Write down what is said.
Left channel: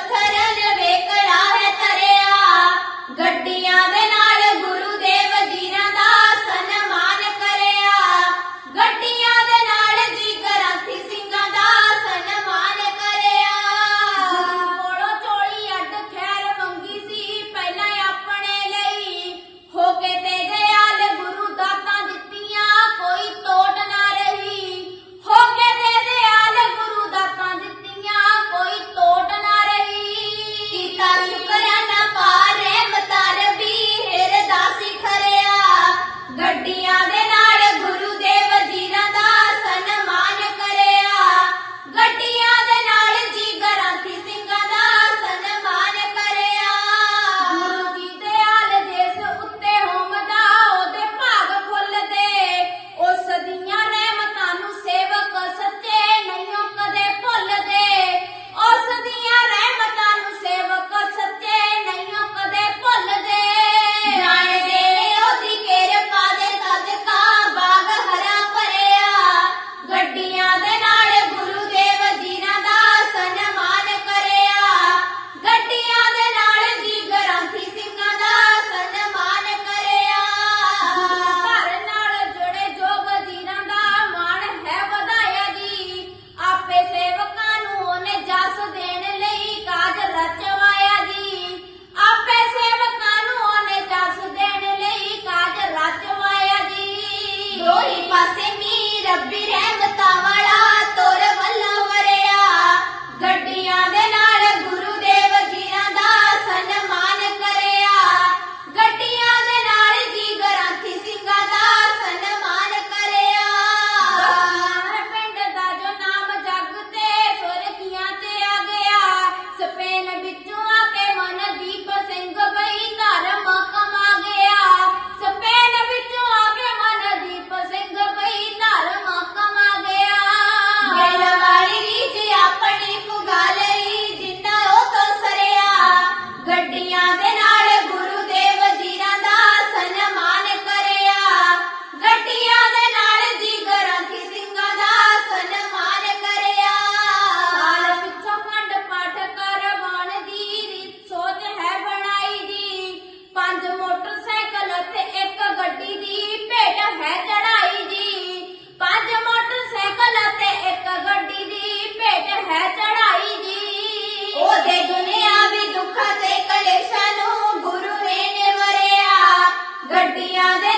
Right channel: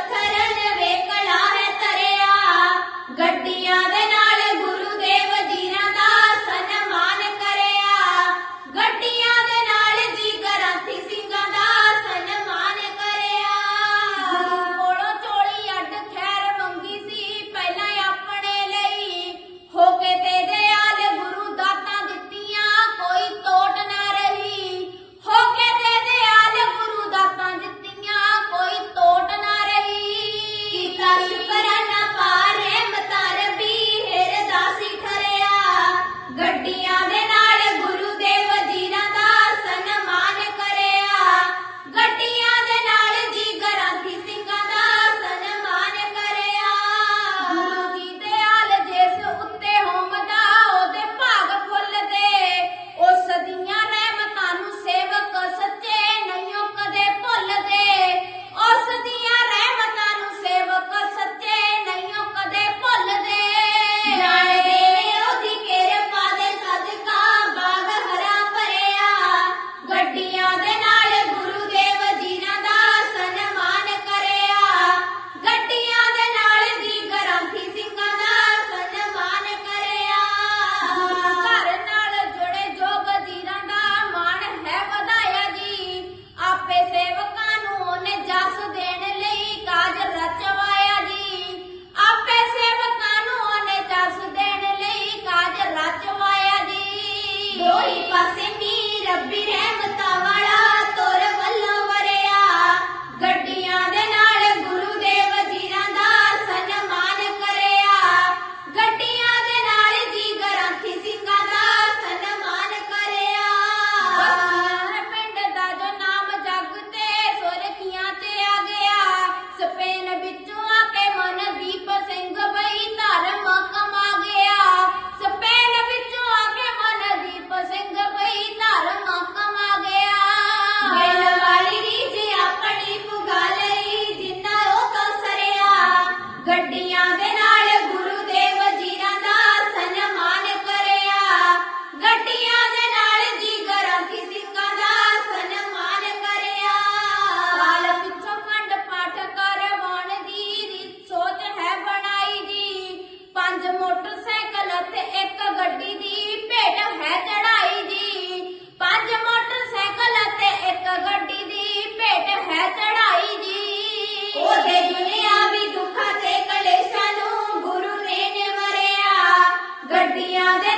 ਪੱਥਰ ਲਵੇ ਕਲਾਰ ਤਰਿਆ ਗੱਡੀਆਂ ਦੇ ਨਾਲ ਦੁੱਖਾਂ ਤੇ ਕਲੇਸ਼ਾਂ ਨੂੰ ਗੁਰੂ ਨੇ ਨਿਵਰਿਆ। ਗੱਡੀਆਂ ਦੇ